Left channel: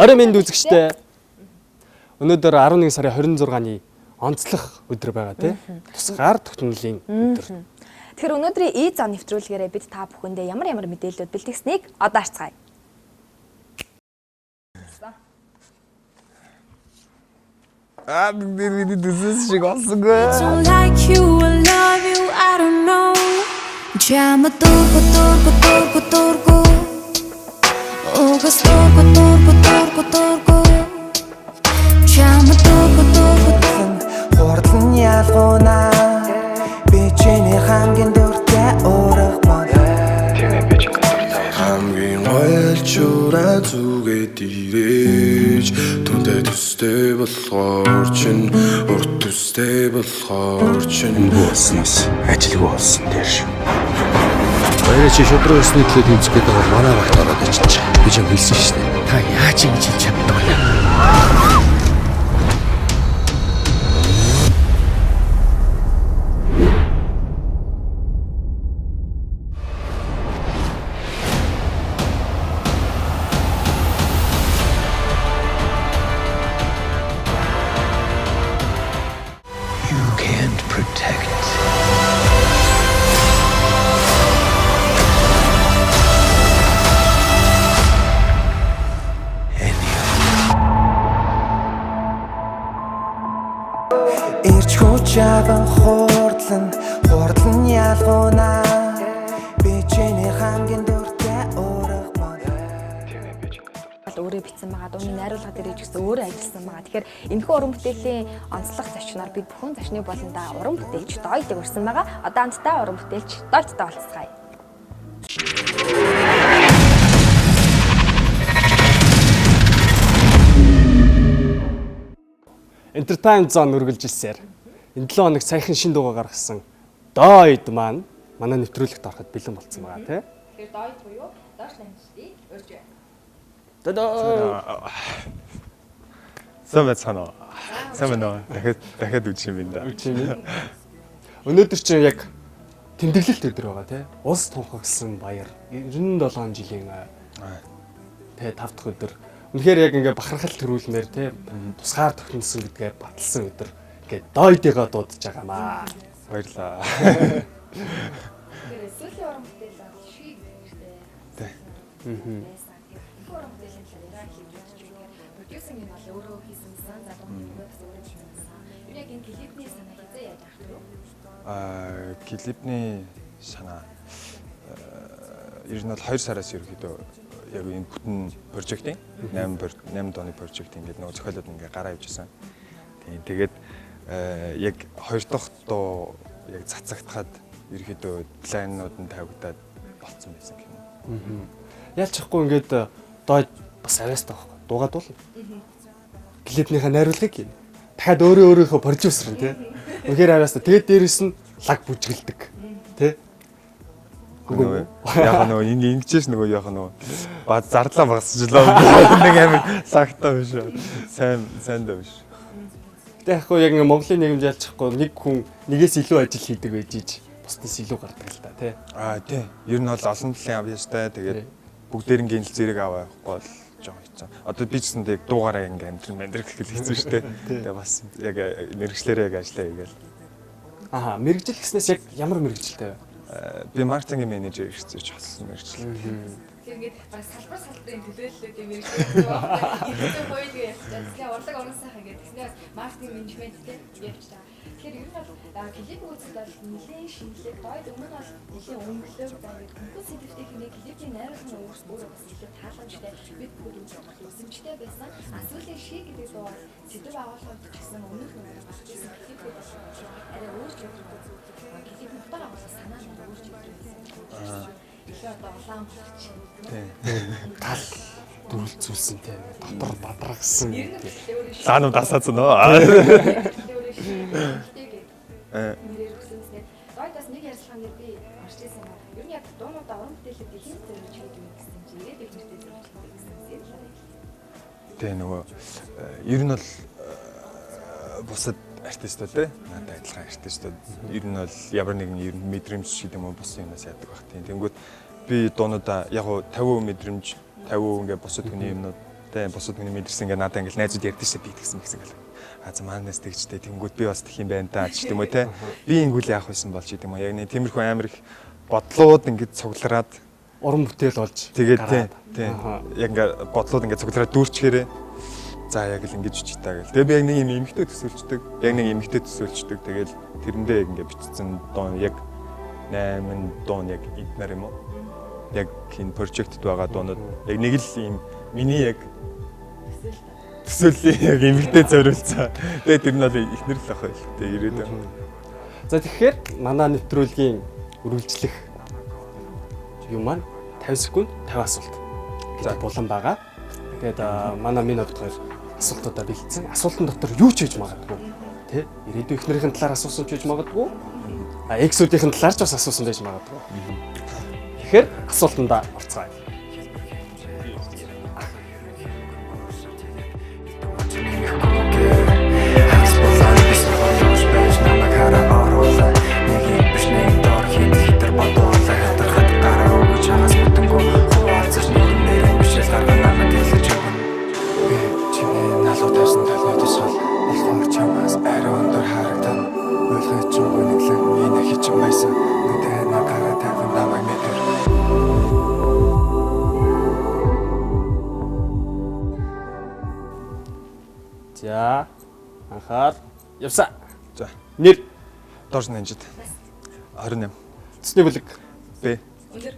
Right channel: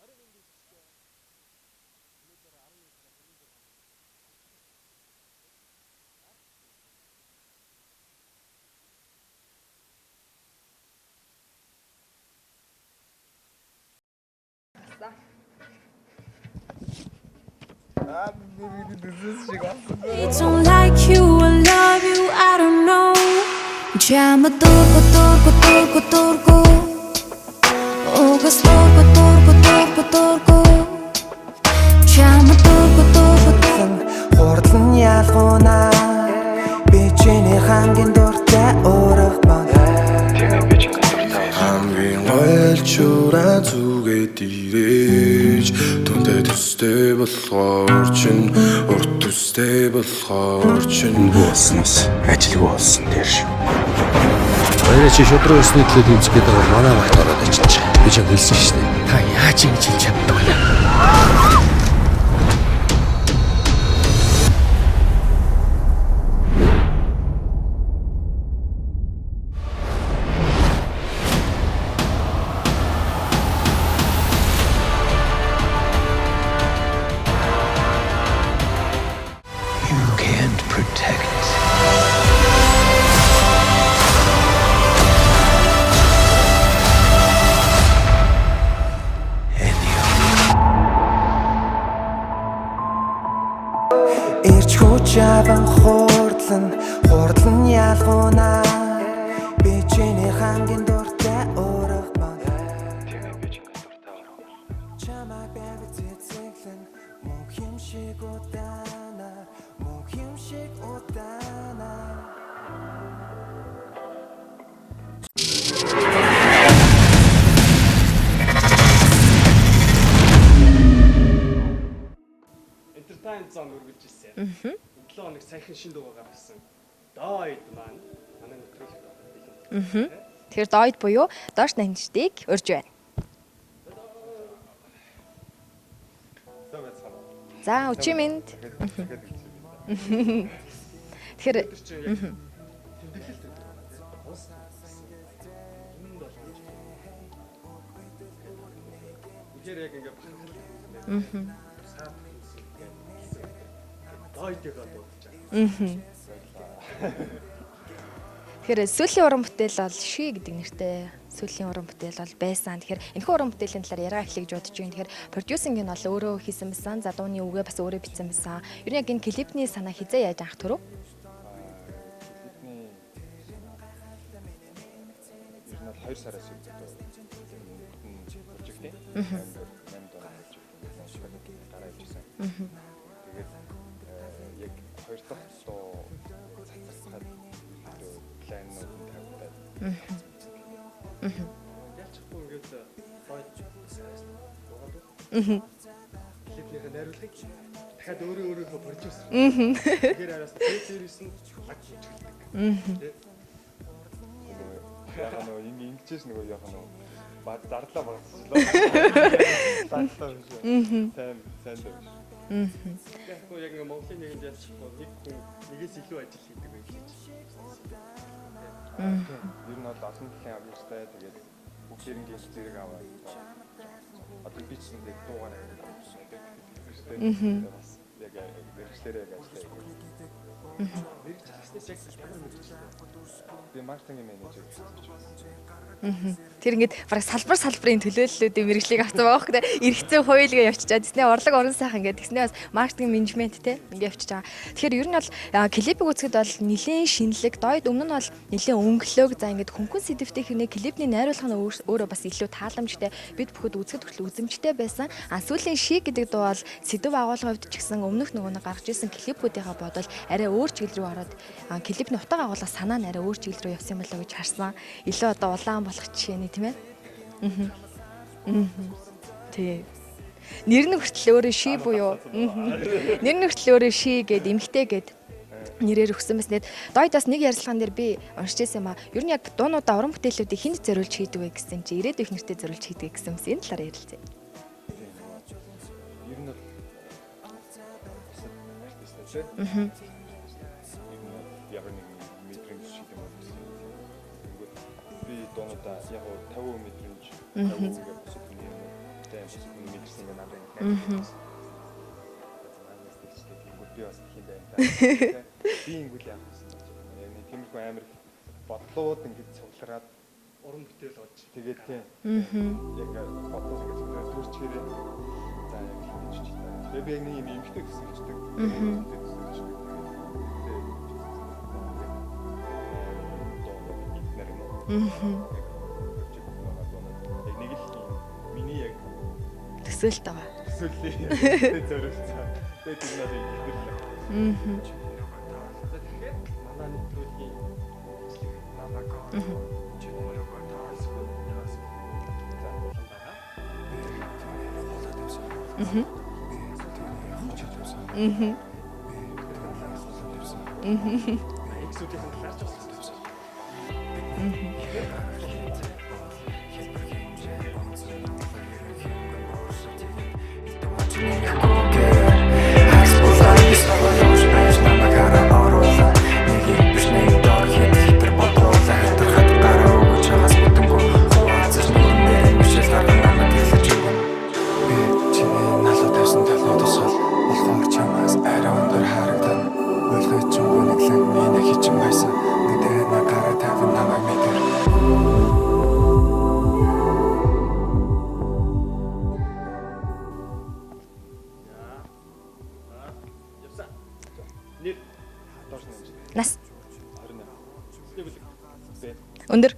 Орой минь үзэгчтэй. Өнөөдөр 11 сарын 26-ны онцлог өдөр байгаа тийм. Тусгаар тогтнолын өдөр. Тэгэхээр өнөөдрийн зон нэвтрүүлгээрээ бид та бүхэндээ ямар мэдээлэлүүд бэлтгэснийг одоо харцгаая. Don't like you, I love you, I don't know. Chama turco. Ugas turco. Chama turco. Хурдан ялгуна би чиний хамгийн дуртай өрөх мөн. Тэгээ би чиний дуртай хамгийн гоёлчураа зүгээд ирээж түндэ төстэй болохоор чин урт төстэй болохоор чин босноос ажилгүй болсон дээр шүү. Баяраа чи шудраг өсний төлөө тэмцэх гэдэг бол манай багт ороод очиж. Би ч хэлсэн шүү дээ. Та яаж ингэж хэлж чаддаг вэ? You can't protect. Ирч хүчаван хурдлан ялгуна би чиний хамгийн дуртай өрөх мөн. Тэгээ би чиний дуртай. Өөрөө бичсэн байгаа дууны найруулга дээр ч гэсэн өөрөө ажилласан байгаа. Тэгэхээр энэхүү уран бүтээлийн онцлог зочноор бид бүхэн зочны болондоо уран бүтээлч Доёдыг урьсан байгаа. Одоо хамтдаа уран бүтээлч Доёдтой уулзцгаая. Entertainment Zone үргэлжилсээр энэ 7 хоног саяхан шин дуугаа гаргасан Доёд маань манай нэвтрүүлэгт ороход бэлэн болсон байгаа тийм. Тэгэхээр Доёд буюу доош нандинчдыг урьж байна. Сайн байна. За өчигмэн. Дахиад үжих юм да. Өнөөдөр чинь яг тэмдэглэлт өдөр байгаа тийм. Улс тунхагсан баяр 97 жилийн тэгээ 5 дахь өдөр. Үнэхээр яг ингээ бахархал төрүүлмээр тийм тусгаар тогтносон гэдгээр баталсан өдөр. Ингээ Доёдыгаа дуудаж байгаа маа. Баярлаа. Тэгэхээр сүүлийн уран бүтээл бол Ши гэдэг нэртэй сүүлийн уран бүтээл бол байсан. Тэгэхээр энэхүү уран бүтээлийн талаар яриа эхлэх гэж бодож байна. Тэгэхээр продюсинг нь бол өөрөө хийсэн байсан. За дууны үгээ бас өөрөө бичсэн байсан. Ер нь яг энэ клипний санаа хизээ яаж анх төрөв? Клипний санаа ер нь бол 2 сараас ерөөдөө яг энэ бүтэн прожектын 8 дооны прожект ингээд нөө зохиолууд ингээд гараа явьжсэн. Тэгээд яг 2 дахь доо яг цацагдахад ерөөдөө планууд нь тавигдаад болсон байсан юм. Яаж чахгүй ингээд Доёд бас авьяастай байхгүй. Дуугаад бол. Клипнийхээ найруулгыг дахиад өөрийнхөө продюсер тийм. Үнэхээр авьяастай. Тэгээд дээрэс нь лаг бүжгэлдэг. Тэ? Яг нөгөө ингэжээс нөгөө яг нөгөө бад зардлаа багсчихлаа. Нэг амар сагтаа биш. Сайн даа биш. Тэгэхгүй яг Монголын нийгэмд ялчихгүй нэг хүн нэгээс илүү ажил хийдэг байж иж бусдаас илүү гардаг л та тий. Тий. Ер нь бол олон талын авьяастай. Тэгээд бүгдээрингийн хэл зэрэг аваа явахгүй бол жоо хэцүү. Одоо би ч гэсэн тэг дуугаараа ингээм амтрын гэхэл хэцүү шүү дээ. Тэгээ бас яг мэрэгчлэрээ яг ажиллаа хийгээл. Мэрэгжил гэснээс яг ямар мэрэгжилтэй вэ? Би маркетинг менежер гэж болсон мэрэгжил. Тэр ингээд бараг салбарын төлөөллүүдийн мэрэгжлийг авсан байгаа хөөе. Эргэцэн хуйлгаа явчихаа. Тэсний орлого орон сайхан ингээд тэсний бас маркетинг менежмент те ингээд явчихж байгаа. Тэгэхээр ер нь бол клипийг үзэхэд бол нэлээд шинэлэг. Доёд өмнө нь бол нэлээд өнгөлөөг за ингээд хөнгөн сэдвтэй хэрнээ клипний найруулга нь өөрөө бас илүү тааламжтай. Бид бүхэд үзэхэд хүртэл үзэмжтэй байсан. Сүүлийн Ши гэдэг дуу бол сэдв агуулгын хувьд ч гэсэн өмнөх нөгөө нэг гарч ирсэн клипүүдийнхаа бодвол арай өөр чиглэл рүү ороод клипний утга агуулга санаа нь арай өөр чиглэл рүү явсан юм болоо гэж харсан. Илүү одоо улаан болох жишээний тийм ээ. Тал дүүцүүлсэн тийм. Бабрагсан. Нэр нь хүртэл өөрөө Ши. Саануу тасаацсан уу? Нэр нь хүртэл өөрөө Ши гэдэг эмхтэй гэдэг нэрээр өгсөн мэснэд Доёдоос нэг ярилцлаган дээр би уншиж байсан юм а. Ер нь яг дуунуудаа уран бүтээлүүдийг хэнд зориулж хийдэг вэ гэсэн чи ирээдүйн их нэртэй зориулж хийдэг гэсэн юм. Энэ талаар ярилцъя. Тэгээ нөгөө ер нь бол бусад артистууд те адилхан артистууд ер нь бол ямар нэгэн мэдрэмж шиг юм уу бус юмас яадаг баг тийм. Тэнгүүд би дуунуудаа яг 50% мэдрэмж 50% ингээд бусад хүний юмнууд Тэ бусад миний мэдэрсэн ингээ надад ингээл найзууд ярьдэн штэ би тэгсэн ингээл. За маанаас тэгчтэй тэнгүүд би бас тэх юм байна та ч юм уу те. Би ингүүл яах байсан болж идэм юм. Яг нэг тиймэрхүү амар их бодлууд ингээд цуглараад уран бүтээл болж тэгээд тийм яг ингээд бодлууд ингээд цуглараад дүүрчгээрээ за яг л ингэж читаа гэл. Тэгээ би яг нэг юм эмхтэй төсөөлчдөг. Яг нэг эмхтэй төсөөлчдөг. Тэгээл тэрэндээ ингээд бичсэн доо яг 8 доо яг эднэр юм уу? Яг хин прожектд байгаа доонод яг нэг л юм миний яг Төсөөлт байгаа. төсөөллийн яг эмхтэй зориулсан. Тэгээ тэр нь бол ихнэр л ах байл. Тэгээ ирээдүйн. За тэгэхээр манай нэвтрүүлгийн үргэлжлэх юм маань 50 секунд 50 асуулт. За булан байгаа. Тэгээд манай минь бодгоол асуултуудаа бэлдсэн. Асуултан дотор юу ч хийж магадгүй. Тэ? Ирээдүйн эхнэрийн талаар асуусан ч хийж магадгүй. Эксүүдийн талаар ч бас асуусан байж магадгүй. Тэгэхээр асуултандаа орцгаая. Харс булан бис хор явж байж намайг хараа оруулаа. Нэг биш нэг дор хитэр бодуулаа. Хатархад гараа өгч хагас бүтэнгүү хуваалцаж нүрэн дээр мишэл гарган намайг гэрлэж өгнө. Би чиний налуу тайсан талбай тусгал болохоор чамаас арай өндөр харагдана. Ойлгож чимгүй нэглэн миний хичин байсан. Нүдээ на гараа тавин намайг мэдэр. За анхаар явсаа. За Нэр дорж нэнжид. Нас 28. цэцний бүлэг Бэ өндөр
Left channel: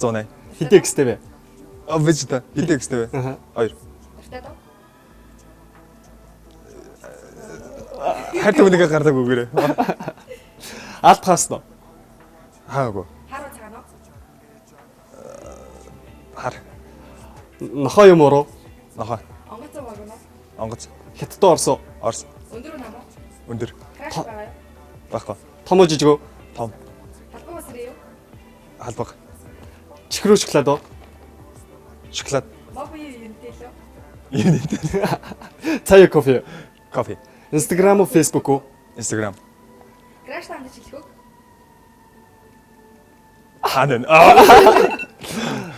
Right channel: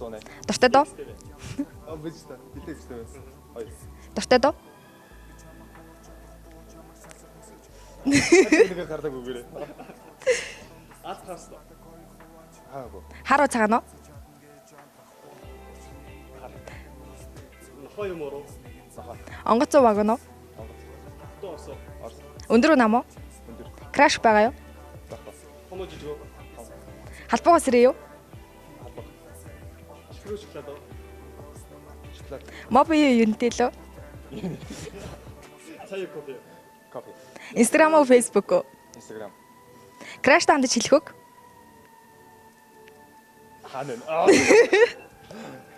108. дуртай доо. тексттэй бэ. Обж та битэкстэй бай. 2. Дуртай доо. Хатуу нэг гардаг үгээрээ. Алт хааснаа. Хаагүй. Харуу цагаан уу? Хар. Нохоо юм уруу. Нохоо. Онгоц уу вагон уу? Онгоц. Хятадуу орсоо. Орс. Өндөр үү нам уу? Өндөр. Краш байгаа юу? Баггүй. Том уу жижиг үү? Том. Халбуугаас ирээ юу? Халбаг. Чихрүү шоколад уу? Шоколад. Моби юунтэй лөө? Цай кофе. Кофе. Instagram уу Facebook уу? Instagram. Краш тандж хэлэх үг? Ханан.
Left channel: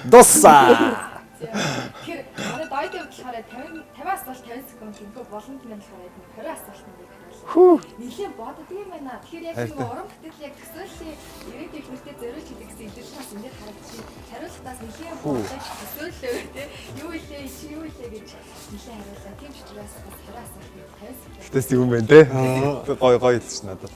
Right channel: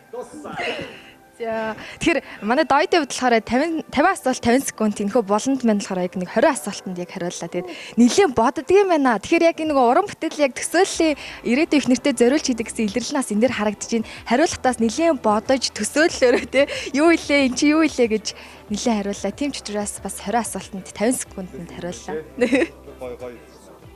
Дусса. Тэгэхээр манай дойд хувьд болохоор 50 асуулт 50 секунд энэхүү болонд мань болохоор яг нэг 20 асуултанд яг хариуллаа тийм. Нилээн боддог юм байна. Тэгэхээр яг нэг уран бүтээл яг төсөөллийн ирээдүйн их нэртэй зориулж хийдэг гэсэн илэрлэл нас энэ дэр харагдаж байна. Хариулахтаас нилээн бодож төсөөллөөрөө тийм. Юу илээ эн чи юу илээ гэж нилээн хариуллаа. Тийм ч учраас бас 20 асуултанд 50 секунд. Тэс юм байна те. Гой хэлсэн надад.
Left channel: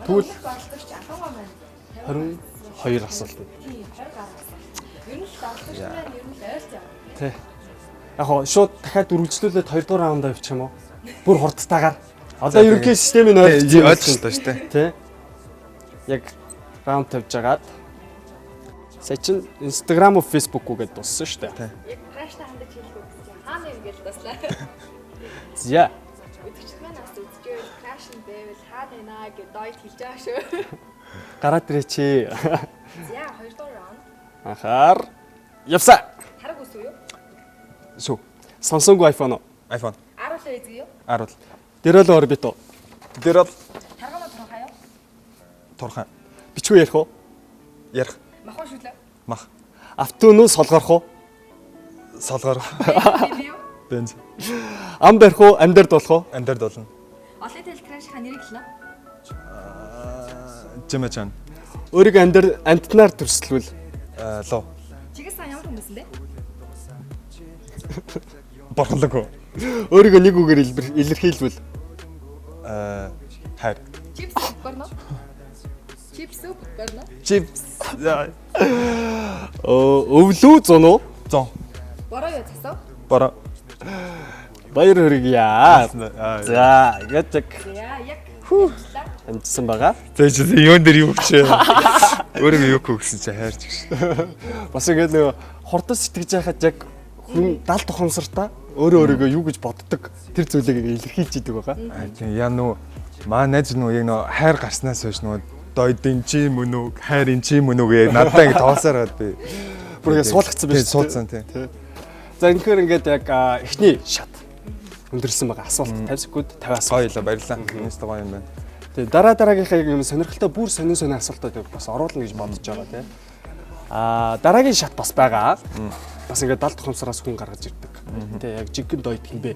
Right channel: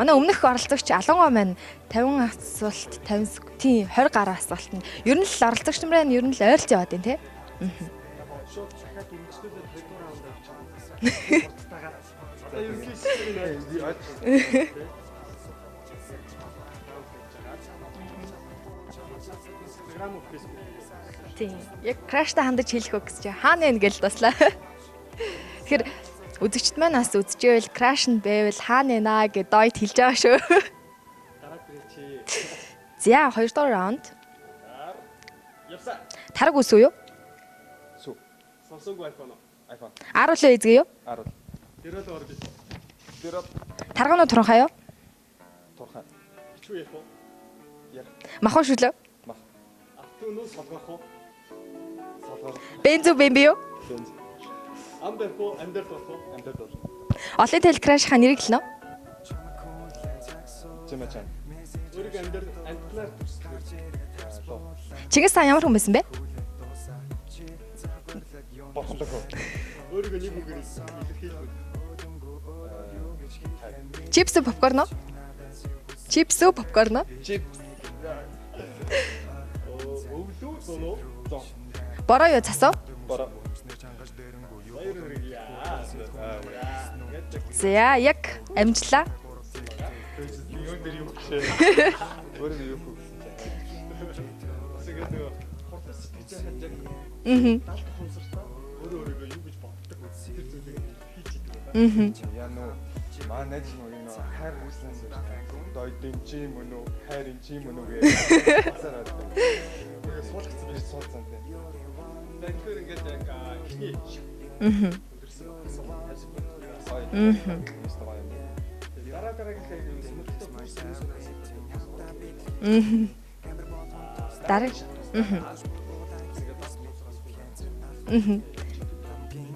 Манай өмнөх оролцогч Алангой маань 50 асуулт 20 50 тийм 20 гаруй асуулт нь. Ер нь л оролцогч нар нь ер нь л ойлцоо яваад байна тий. Яг хоо шууд дахиад үргэлжлүүлээд 2 дугаар раунд авчих юм уу? Бүр хурдтайгаар. Одоо ерөнхий системийг ойлгочихлоо шүү дээ. Тий. Яг раунд тавьж агаад сая чин Instagram уу Facebook уу гэдээ дуссан шүү дээ. Яг краштай хандаж хэлэх үг гэж хаана вэ гэж дуслаа. За Үзэгчд маань бас үзчихвэл краш нь байвал хаана наа гэж дойд хэлж байгаа шүү. гараад ирээч. За 2 дугаар раунд. Анхаар явсаа. Тараг үсүү юу? Сүү. Samsung iPhone уу? iPhone. Аруулаа эзгээ юу? Арул. Дэрэл орбит уу? Тэр бол Таргаануу туранхаа юу? турхан. Бичгүй ярих уу? Ярих. Махуу шүлөө. Мах. Автоон уу солгорох уу? Солгоор. Бенз бэмби юу? Бенз. Ам барих уу? Амьдард болох уу? Амьдард болно. Олон тэл краш ха нэрийг хэлнэ. Жимэчан. Өөрийгөө амьтнаар төрслөвөл Лоо. Чигээс та ямар хүн байсан бэ? Борхолог. өөрийгөө нэг үгээр илэрхийлвэл хайр. Чипс уу попкорн уу? Чипс уу попкорн уу? Чипс. өвлүү зун уу? 100. Бороо юу цасуу? Бороо. Баяр хүргье. За, яг За яг амжлаа. амжсан байгаа. За чи юун дээр юу гэж өөрийгөө юу гэсэн чи хайрч гэж. Бас ингэ нэг хурдан сэтгэж байхад яг далд тухамсартаа өөрийгөө юу гэж боддог тэр зүйлийг илэрхийлж идэг байгаа. Яа нөө маа найз нөө яг нөө хайр гарснаас хойш нөө дойдын чи мөн үү хайрын чи мөн үү гэ надад ингэ тоосоор би Бүр ингэ суулгацсан байж суудсан тий. За тэгэхээр ингээд яг эхний шат өндөрсөн байгаа асуулт 50 секунд 50 асуулт. Хоёулаа баярлалаа. Энэс гоё юм байна. Тэгээ дараагийнхаа юм сонирхолтой бүр сонин асуултууд бас оруулна гэж бодож байгаа тийм. Дараагийн шат бас байгаа. Бас ингээд далд тухамсараас хүн гаргаж ирдэг. Тэ яг жигэн дойд юм бэ.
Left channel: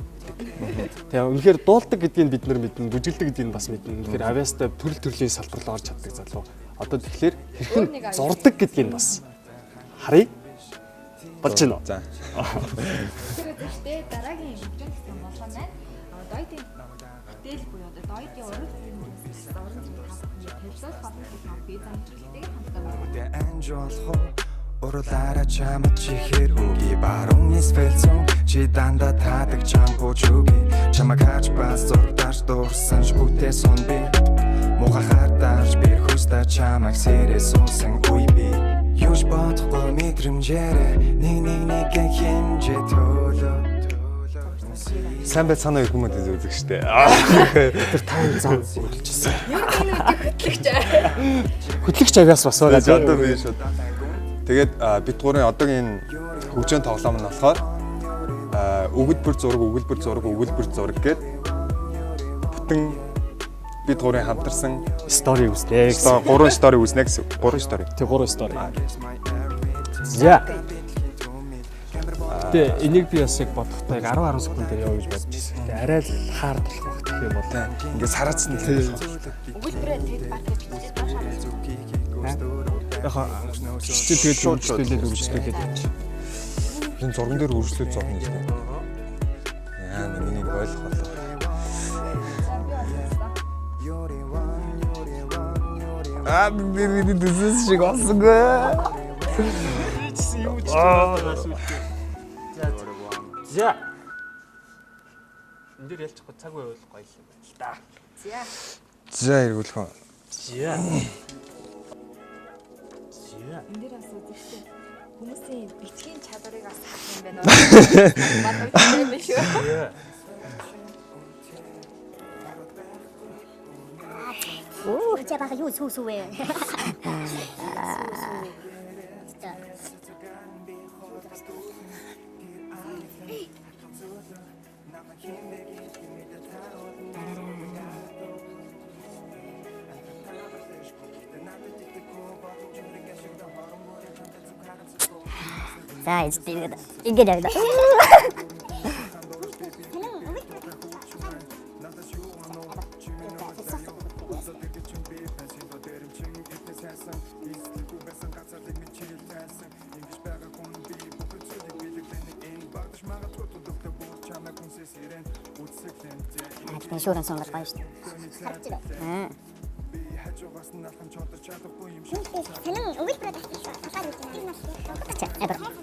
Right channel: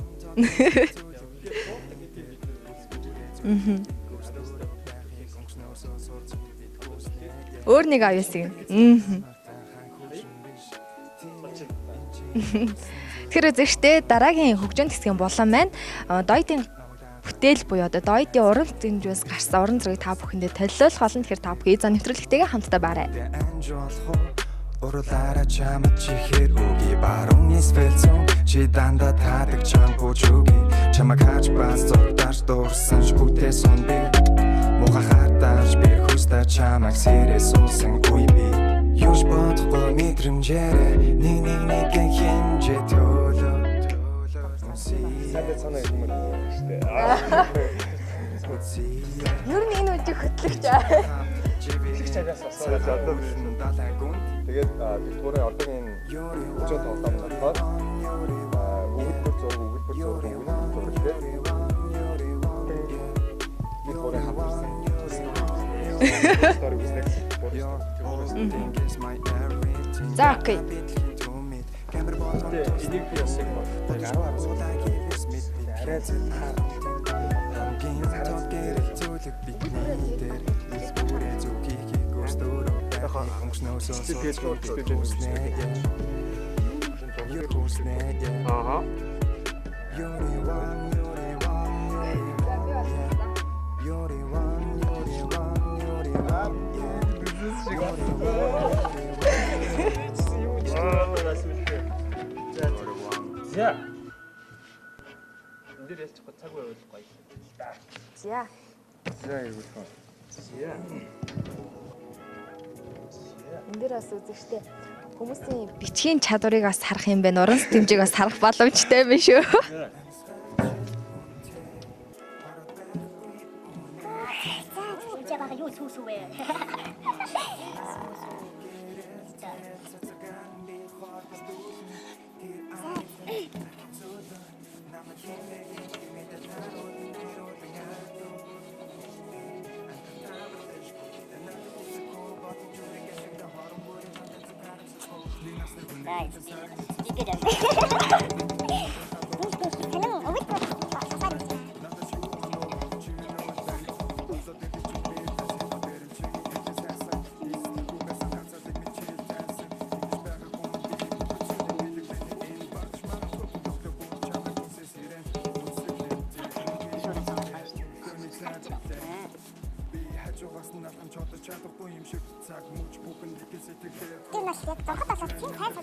Тэгээ үнэхээр дуулдаг гэдгийг бид нар мэднэ, бүжиглдэг гэдгийг бас мэднэ. Тэгэхээр авьяастай төрөл төрлийн салбарлаа орж чаддаг залуу. Одоо тэгэхээр Өөр нэг авьяас юм. зурдаг гэдгийг бас харъя. Болж байна уу? За. Тэгэхээр зэвштэй дараагийн хөгжөөнд хэсгийн булан маань Дойдын бүтээл буюу одоо Дойдын уран зэмжээс гарсан уран зургийг та бүхэндээ толиулах болно. Тэгэхээр та бүхэн зан нэвтрүүлэгтэйгээ хамтдаа баарай. Уралаараа чамд чихэр үгүй баруун эсвэлцэн чи дандаа таадаг чамгүй чүги чамаг хаач бас зурдаш дуурсан бүтээ сон би муха харташ би хүстэ чамаг сэрээс унсан үе би юуш бодохгүй мэдрэмжээр нэг хинжээ төлөө Сайн байцгаана уу хүмүүс үздэг штэ. Тэр тань зам хэлчихсэн. Хөтлөгч авьяас бас байгаа. Одоо би шүү. Тэгээд бид гурийн одоогийн хөгжөөний тоглоом нь болохоор өгүүлбэр зураг гэдэг бүтэн бид гурийн хамтарсан Стори үстэй. 3 стори үзнэ гэсэн. 3 стори. Тэг 3 стори. За. Гэтэ энийг би бас яг бодохдоо 10 секунд гэж бодож байсан. Арай л хаарах гэх юм бол Ингээд сарацсан тийм. чи тэгэл шууд хэлээд үзчихлээ гэдэг. Энэ зурган дээр үргэлжлүүлж зурна. Аа. би дэсэс шиг осгүй. За. Энд дээр ялчихгүй цаг байхгүй юм да. За. За эргүүлэх үү. За. Тэр бас үзэгчтэй хүмүүсийн бичгийн чадварыг бас харах юм байна. Уран зэмжийг бас харах боломжтой юм шүү. 제가 요 소소해. 자, 이게 된다. 쇼랑 상을 봐야지.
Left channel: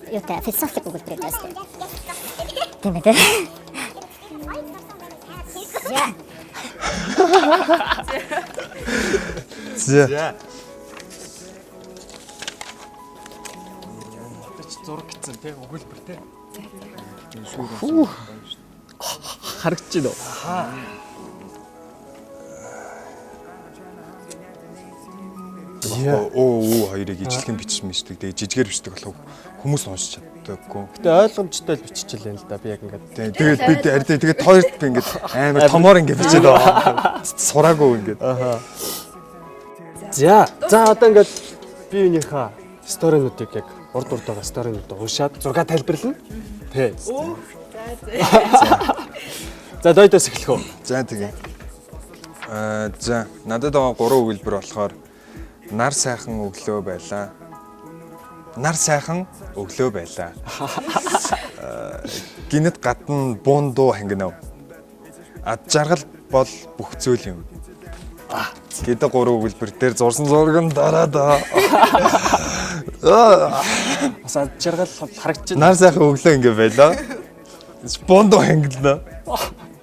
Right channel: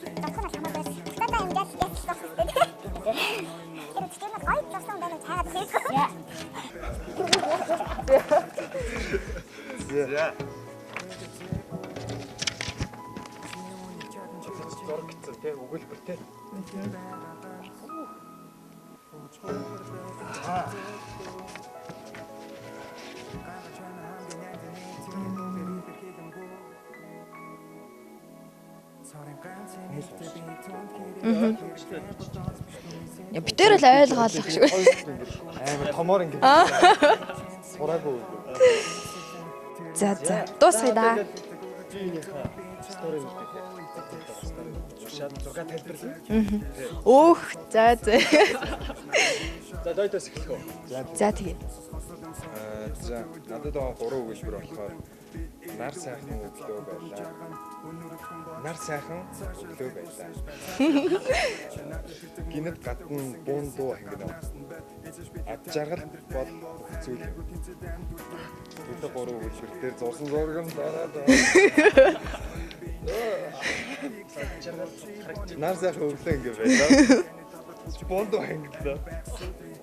이렇게 필사스 보고 있대. 근데 За. Зураг гэсэн тий өгүүлбэр тий. Харагдаж байна уу? Оо хоёрыг ижлэгэн бичсэн мэждэг. Тэгээ жижигээр бичдэг болохоо хүмүүс уншиж чаддаггүй. Гэтэ ойлгомжтой л биччихлээ л да би яг ингээд. Тэгээд хоёрт ингээд амар томоор ингээд бичээд байгаа. Сураагүй ингээд. За одоо ингээд би минийхээ сторинуудыг яг урд байгаа сторинуудыг уншаад зураг тайлбарлана. Тий. Өөх. За. За дойдоос эхлэх үү? За тэгээ. За надад байгаа 3 өгүүлбэр болохоор нар сайхан өглөө байлаа. Нар сайхан өглөө байлаа. Гинэт гадна буун дуу хангинав. Ад жаргал бол бүх зүйл юм. Гэдэг 3 өгүүлбэр дээр зурсан зураг нь дараад. Бас ад жаргал харагдаж Нар сайхан өглөө ингэ байлаа. Буун дуу хангилнаа.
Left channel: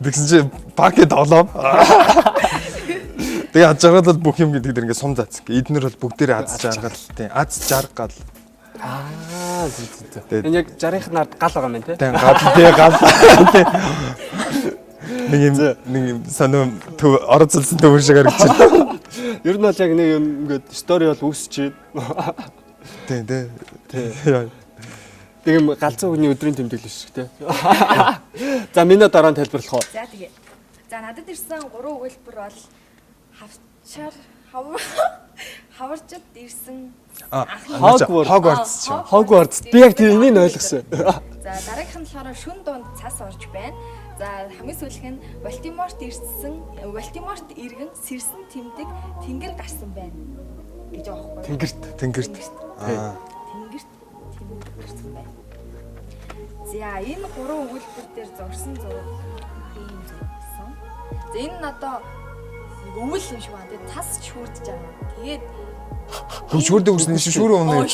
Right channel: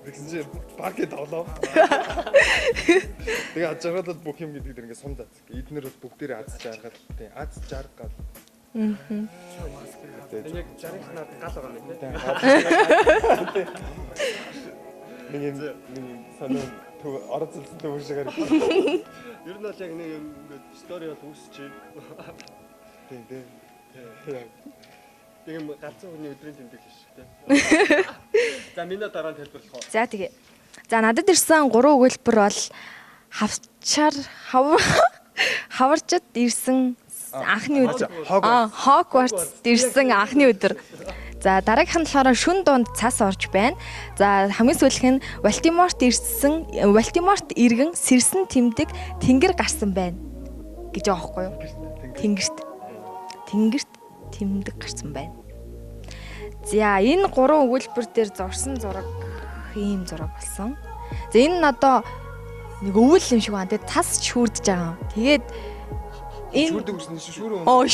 Тэгсэн чи пакет олоо. Тэгээ ад жаргал бол бүх юм гэдэг дээр ингээд сум зац. Эднэр бол бүгдээрээ аз жаргал тийм. Аз жаргал. Энэ яг жарынх нарт гал байгаа юм тий. Тийм гал. Нэг юм санаа төв орцолсон төв шиг харагдчих. Ер нь бол яг нэг юм ингээд стори бол үүсчээ. Тийм. Тэг юм галзуу хүний өдрийн тэмдэглэл шиг тий. За миний дараа нь тайлбарлах уу? За тэгээ. За надад ирсэн 3 өгүүлбэр бол хавчаар хаварчд ирсэн анхны Хогвартс. Би яг тэрний ойлгосон. За дараагийнх нь болохоор шүн дунд цас орж байна. За хамгийн сүүлийнх нь Валтиморт иргэн сэрсэн тэмдэг тэнгэр гарсан байна гэж байгаа байхгүй юу? Тэнгэрт. Тэнгэрт тэмдэг гарсан байна. За энэ гурван өгүүлбэр дээр зурсан зураг ийм зураг болсон. За энэ нь одоо нэг өвөл юм шиг байна. Тэгээд цас шүүрдэж байгаа юм. Тэгээд шүүрдэг үснэ шүүрэн өнөө.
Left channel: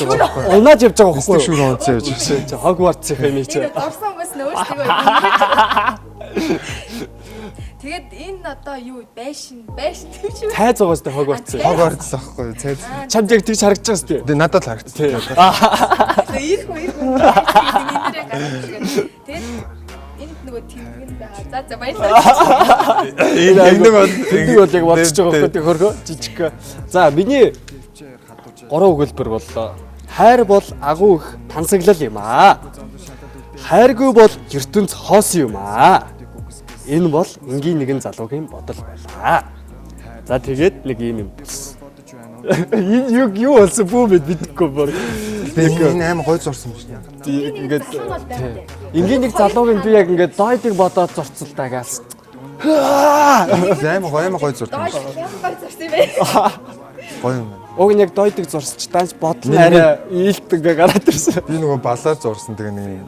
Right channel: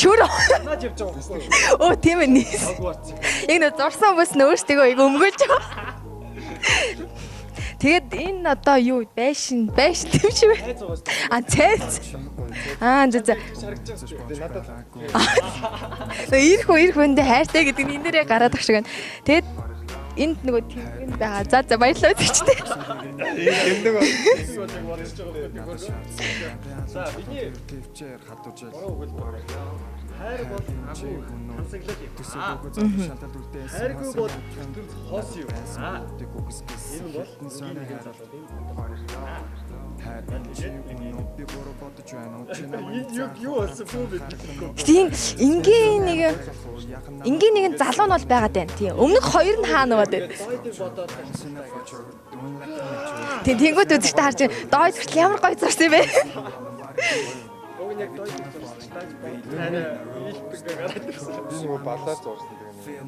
Унааж явж байгаа байхгүй юу? шүүрэн онцсон. Хогвартс хэмээн. Яг зурсан бүс нь өөртөө өнгөрч байгаа. Тэгээд энэ одоо юу байшин тийм шиг байна. Тайз байгаас тэ Хогвартс. Хогвартс ахгүй цайз. Чамд яг тэгж харагдаж байгаа шүү дээ. Тэгээ надад л харагдсан. Ирэх үнд хайртай гэдэг энэ нэрээ гараад ах шиг байна. Тэгээд энд нөгөө за баярлалаа. Энд бол яг бодсож байгаа хөөхтэй хөргөө жижиг. За миний 3 өгүүлбэр боллоо. Хайр бол агуу их тансаглал юм аа. Хайргүй бол ертөнц хоос юм аа. Энэ бол энгийн нэгэн залуугийн бодол байлаа. За тэгээд нэг юм. Юу болсон бүү мэдэхгүй бол. Энэ аим гой зурсан юм. Энгийн нэгэн залуу нь бол байгаад байна. Тийм. Энгийн нэг залууг би яг ингээд дойдыг бодоод зурцуултаа гаалс. Тэгээд дойд ямар гой зурсан юм бэ? Гоё юм. Уг нь яг дойдыг зурсч тааж бодлоо арай ийт ингээ гараад ирсэн. Би нөгөө балаад зурсан тэгээ нэг.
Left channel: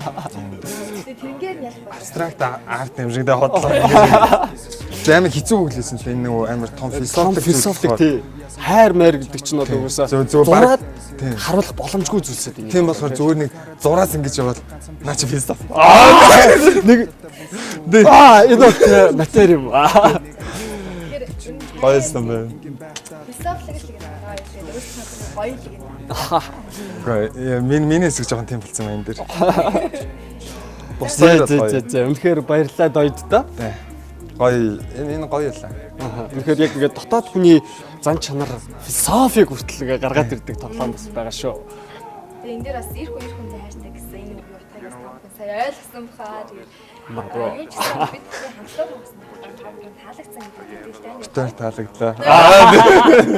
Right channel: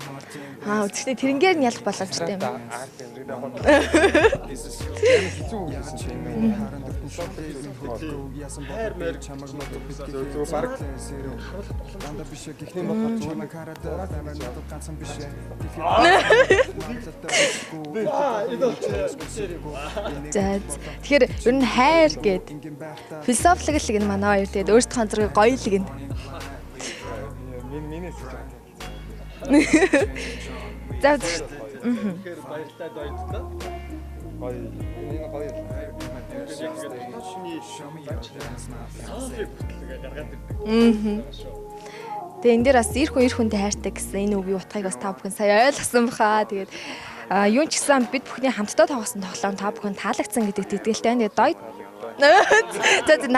Гэхдээ тэрнгээр нь ялах болоос ч тийм. Арт хэмжээндээ хотлоо. Амар хэцүү хөглөсөн чинь энэ нөгөө амар том философик тий. Хайр маяр гэдэг чинь бол угсаа зураад харуулах боломжгүй зүйлс юм. Тийм болохоор зүгээр нэг зураас ингэж яваад наа чи философи. Нэг энэ бол матери юм. Тэгэхээр ер нь хайр гэдэг философик л гэнэ манай хоёр тэгээд өөрсдөө хандрыг гоё л гэнэ. Миний хэсэг жоохон тийм болсон байна дээр. За үнэхээр баярлалаа дойддоо. Гоё энэ гоё ялаа. Тэгэхээр яг ингээд дотоод хүний зан чанар философиг хүртэл гаргаад ирдэг тодорхой байгаа шүү. Тэгээ энэ дээр бас ирэх хүнтэй хайртай гэсэн энэ үгийн утгыг бас та бүхэн сая ойлгосон баха. Тэгээд юу ч гэсэн бид бүхний хамтдаа тоглосон тоглоом та бүхэн таалагдсан гэдэгт итгэлтэй байна. Тэгээд Таалагдлаа.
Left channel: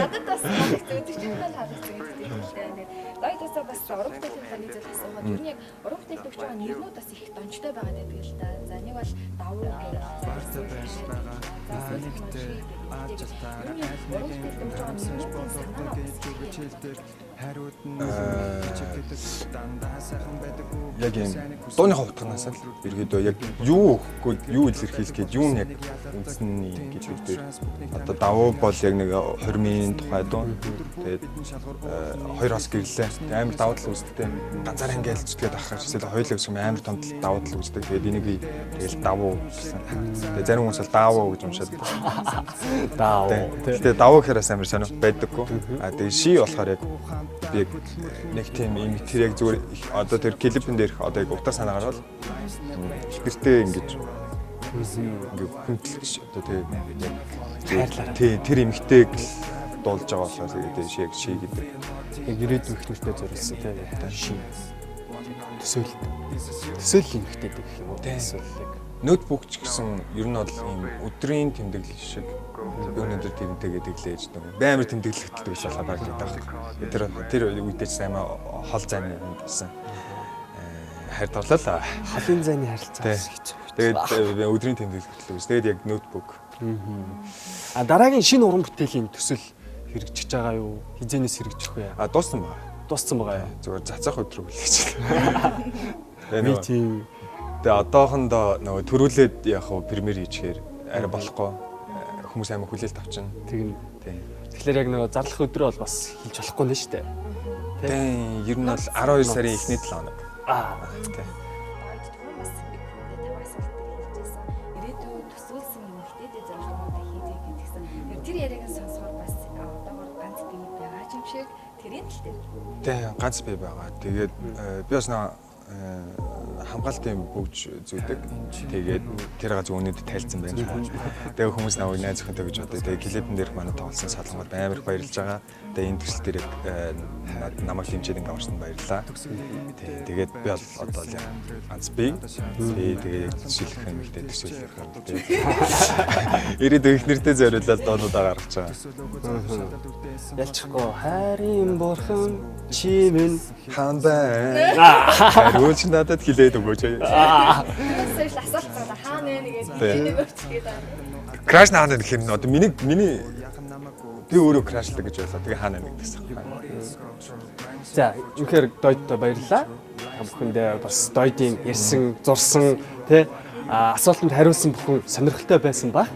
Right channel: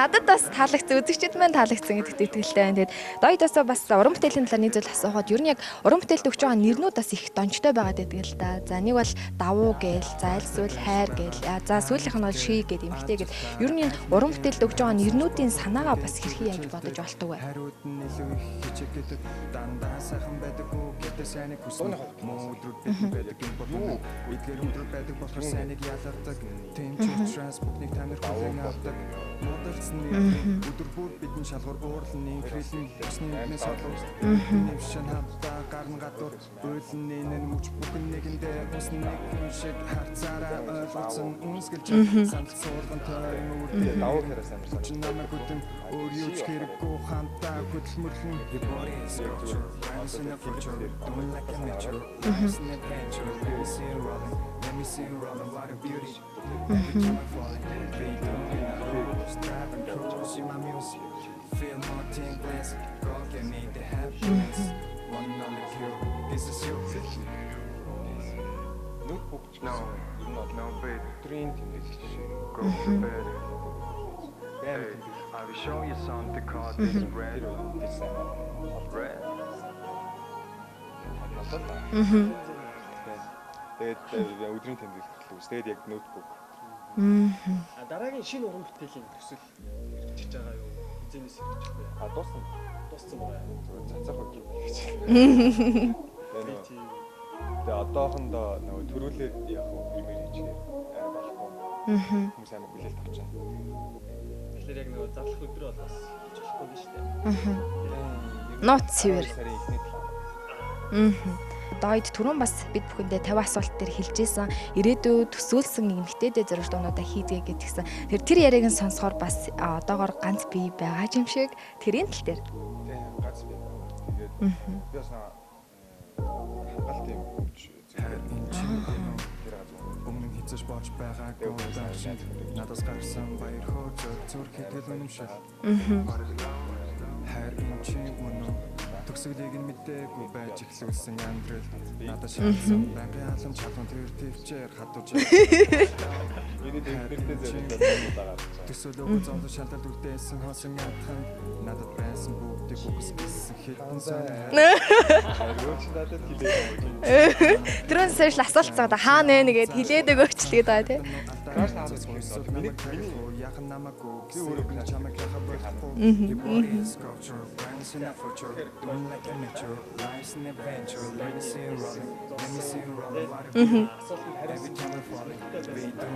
надад бас таалагдсан, үзэгчид маань таалагдсан гэдэгт итгэлтэй байна. Тэгээд дойдосоо бас уран бүтээлийн талаар нэг зүйл асуухад ер нь яг уран бүтээлд өгч байгаа нэрнүүд бас их дончтой байгаад байдаг л да. За нэг бол давуу гээл, за альсвал хайр гээл, за сүүлийнх нь бол ший гэдэг эмхтэй гэл. Ер нь уран бүтээлд өгч байгаа нэрнүүдийн санаагаа бас хэрхэн яаж бодож болтуг вэ? Яг юм. Дууны хавтнаас билгээд яг юу өгөхгүй юу илэрхийлэх гээд юу яг үндсний гэж одоо давуу бол яг нэг 20-ийн тухай дуу. Тэгээд хоёр хос гэрлээ. Амар давуу л үүсдэг. Ганцаар ингээл зүтгээд ахчихсан. Хоёулаа гэсэн амар том давуу л үүсдэг. Тэгээд энийг ингээл давуу. Тэгээд зарим хүмүүс бол давуу гэж уншаад. Давуу. Тэгээд давуу гэхээс амар сонирхол байдаггүй. А тэгээд ший болохоор яг нэг тийм тэр яг зүгээр одоо тэр клипэн дээрх одоо яг утга санаа гараад гэртээ ингэж хүндлэж одоо тэр эмэгтэйг дуулж байгаа болохоор тэгээд шиг гэдэг ирээдүйн ихтэй зориулсан төсөөл эмэгтэй гэсэн ноутбук ч гэсэн ер нь бол өдрийн тэмдэглэл шиг өнөөдөр тэмдэг гэдэг л ээж нэг амар тэмдэглэлтэй биш байна. Тэр үедээ сайн хол зайны гэсэн хайр тоглолоо. Холын зайны харилцаа. Тэгээд өдрийн тэмдэглэл биш. Тэгээд яг ноутбук. А дараагийн шинэ уран бүтээлийн төсөл хэрэгжиж байгаа юу? Хизээнээс хэрэгжих вэ? А дууссан байна. Дууссан байгаа. Зүгээр цацах өдрөг хэлчихлээ. Митинг. Тэгээ одоохондоо нөгөө төрүүлээд яг премьер хийчихээр арай болохгүй. Хүмүүс амар хүлээлт авчна. Тэгнь. Тэгэхээр яг нөгөө зарлах өдрөө бол бас хийж болохгүй нэ штэ. Тийм, ер нь 12 сарын эхний 7 хоног. Дойд түрүүн бас бид бүхэндээ 50 асуулт дээр хэлжсэн. Ирээдүйд төсөөлсөн эмэгтэйдээ зориулж дуунуудаа хийзгээ гэдгсэн. Тэр яриаг нь сонсохоор бас одоогоор ганц бие байгаа юм шиг тэрийн тал дээр. Тийм, ганц бие байгаа. Тэгээд би бас хамгаалтын бүгж зүйлийг хийгээд тэр газар үнэд тайлцсан байж байна. Тэгээ хүмүүс намайг найз охинтой гэж бодож тэгээ клипэн дээр манай тоглосон салбар амар баярлж байгаа. Тэгээ энэ төсөл дээр намайг хэмжээд ингээ уншсан баярлалаа. Тэгээд би одоо ганц би тэгээд шилхэн гэдэг төсөөлж ирээд ихнэртэй зориулаад доодоо гаргаж байгаа. Ялчгүй хайрын бурхан чимэн хандаа. Рууч надад хилээд өгөөч. Тэрээс л асуулт цаа хаа нэ нэгээд хилээд өгөөчлээ даа тий. Краш наанаа гэх юм одоо миний би өөрөө крашлаа гэж байлаа. Тэгээ хаана нэг. За, үнэхээр дойдтой баярлалаа. Бүхэндээ бас дойдын ирсэн, зурсан тий асуултанд хариулсан бүхэн сонирхолтой байсан ба.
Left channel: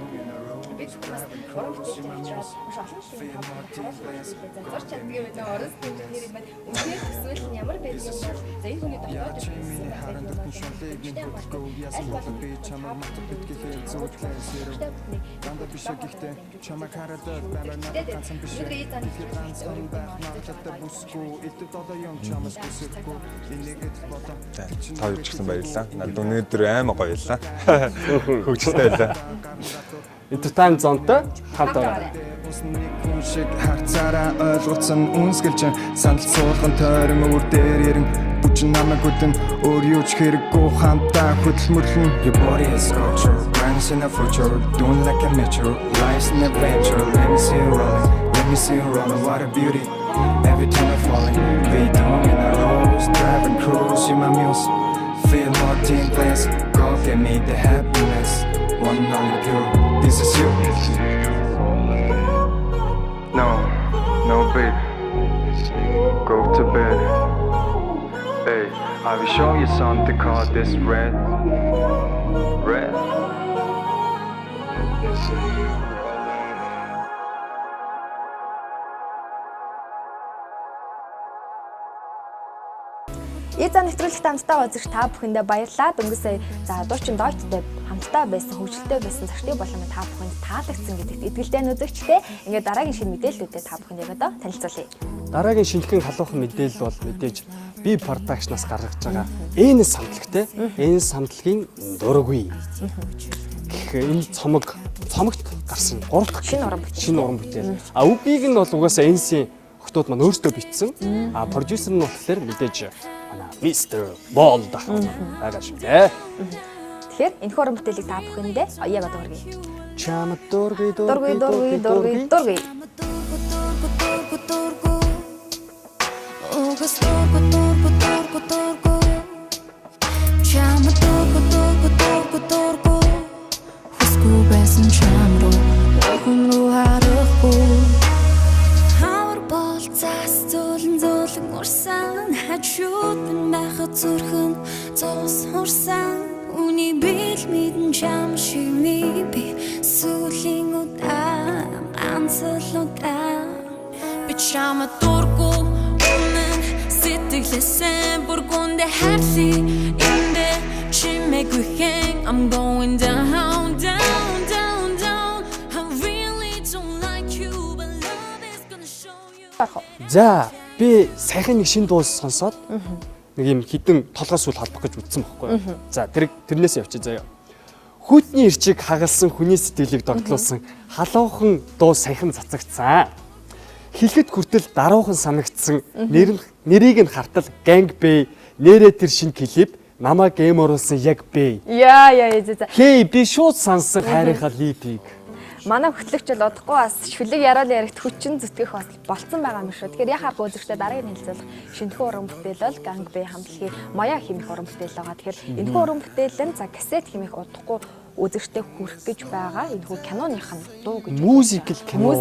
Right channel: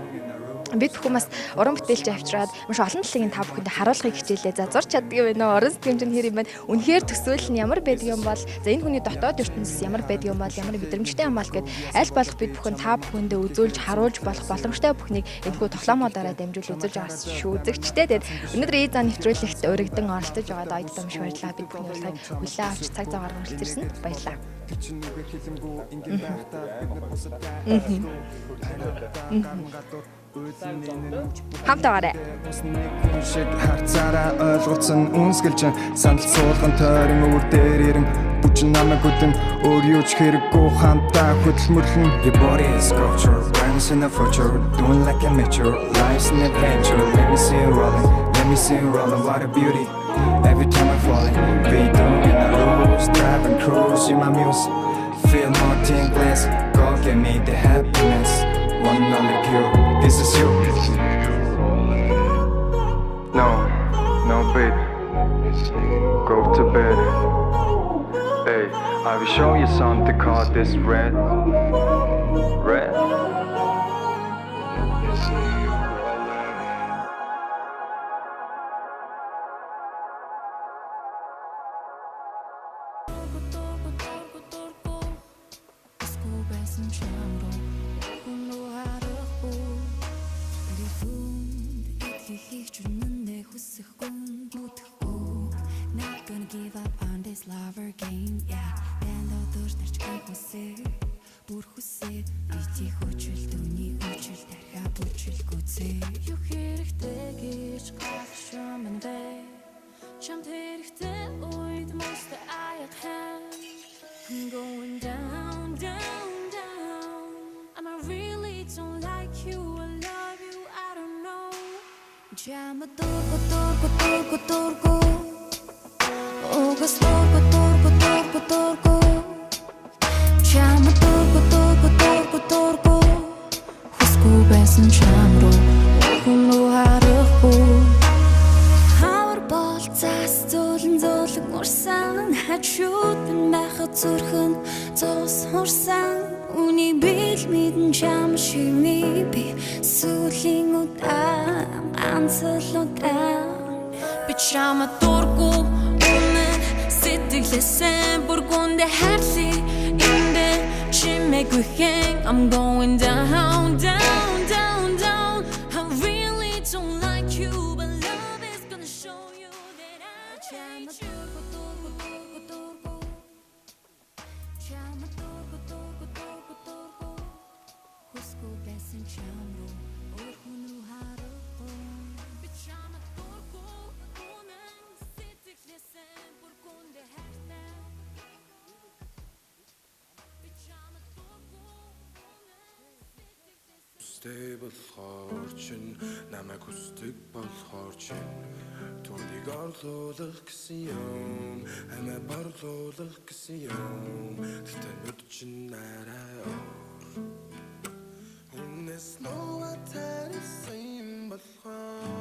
Бид бүхэн бас уран бүтээлч авчираад маш олон талын та бүхэнд харуулахыг хичээлээ. За зурч чаддаг юм байна уу? Орон сэтгэмж нь хэр юм байна? Үнэхээр төсөөлөл нь ямар байдаг юм бол за энэ хүний дотоод ертөнцийн ямар байдаг юм бол ямар мэдрэмжтэй юм бол гэд аль болох бид бүхэн та бүхэндээ үзүүлж харуулж болох боломжтой бүхнийг энэхүү тоглоомуудаараа дамжуулж үзүүлж байгаа шүүзэгчтэй. Тэгээд өнөөдөр Эзан нэвтрүүлэгт өргөдөн оролцож байгаа дайд томш баярлалаа. Бид бүхэн нэлээд авч цаг заагаар хүрэлцсэн баярлалаа. Тав ч баярлалаа. Надад өнөөдөр аймаг баярлалаа. Хөгжөлтэй байлаа. Entertainment Zone-той хамтаарай. Хүн шиг харцаараа ойлгоцсон үнсгэлжин сандал суулган тойрон өвөр дээр ирэн бүчин намайг үдэн өөр юу ч хэрэггүй хамтаа хөдөлмөрлөн Your body is culture, brands in the future Doing like a mature, life's an adventure Let me see you rolling, what a beauty Every time I'm falling, we doing in a rose Driving cruise, you my muse Feel more tingles, go get me the happiness One and only pure, this is you No babe, go to bed Hey, I will show you something called this red Эзэн нэвтрүүлэгт хамтдаа үзэгч та бүхэндээ баярлалаа. Дөнгөсөө за дуучин дойттой хамтдаа байсан хөгжилтэй байсан зочдын болгоно та бүхэнд таалагдсан гэдэгт итгэлтэй үзэгчтэй. Ингээд дараагийн шинэ мэдээллүүдэд та бүхэнд одоо танилцуулъя. Дараагийн шинэхэн халуухан мэдээлэл бол мэдээж би продакшнаас гаргаж байгаа энэ самтлагтай энэ самтлагийн дургүй энэ цомогт гарсан 3 дахь шинэ уран бүтээл. Үгийг нь бол угаасаа NC хотод маань өөртөө бичсэн. Продюсер нь болохоор мэдээж Mr. Bold байгаа шүү дээ. Тэгэхээр энэ уран бүтээлийг та бүхэндээ яг одоо хүргэе. Чамд дургүй Угас тургу Чамд тургу Хусгүй байсан чам руу хүн рүү харахгүй Хавар болцаас зөөлөн урсан хажууд минь байхад зүрхэн зоос хурсан Үний бил мэдэн чам шивний би сүлийн удаан ганцлуудаа Би чамд тургу Сэтгэлээсээ бүргүндээ хайрлаа Эндэ чимээгүй хэн I'm going down I really don't like you But love is gonna show you За би сайхан нэг шинэ дуус сонсоод нэг юм хідэн толгоос үл холбох гэж үзсэн байхгүй. За тэрнээс явчих заяа. Хүйтний ирчиг хагалсан хүний сэтгэлийг догтлуулсан халуухан дуу саяхан цацагдсан. Хэлэхэд хүртэл даруухан санагдсан нэрийг нь хартал Gang Bay нэрээ тэр шинэ клип намайг гэм оруулсан яг Bay. Яа за. Хей би шууд сансан хайрынхаа липийг. Манай хөтлөгч бол одохгүй бас шүлэг яриад яригт хүчин зүтгэх болцсон байгаа юм шүү. Тэгэхээр яхаа бөөдөгтэй дараагийн хэлцүүлэх шинэхэн уран бүтээл бол Gang Bay хамтлагийн Мая хэмэх уран бүтээл байгаа. Тэгэхээр энэ уран бүтээл нь за касет хэмэх удахгүй үзэгчтэй хүрэх гэж байгаа. Энэхүү киноныхан дуу гэж. Мюзикл кино.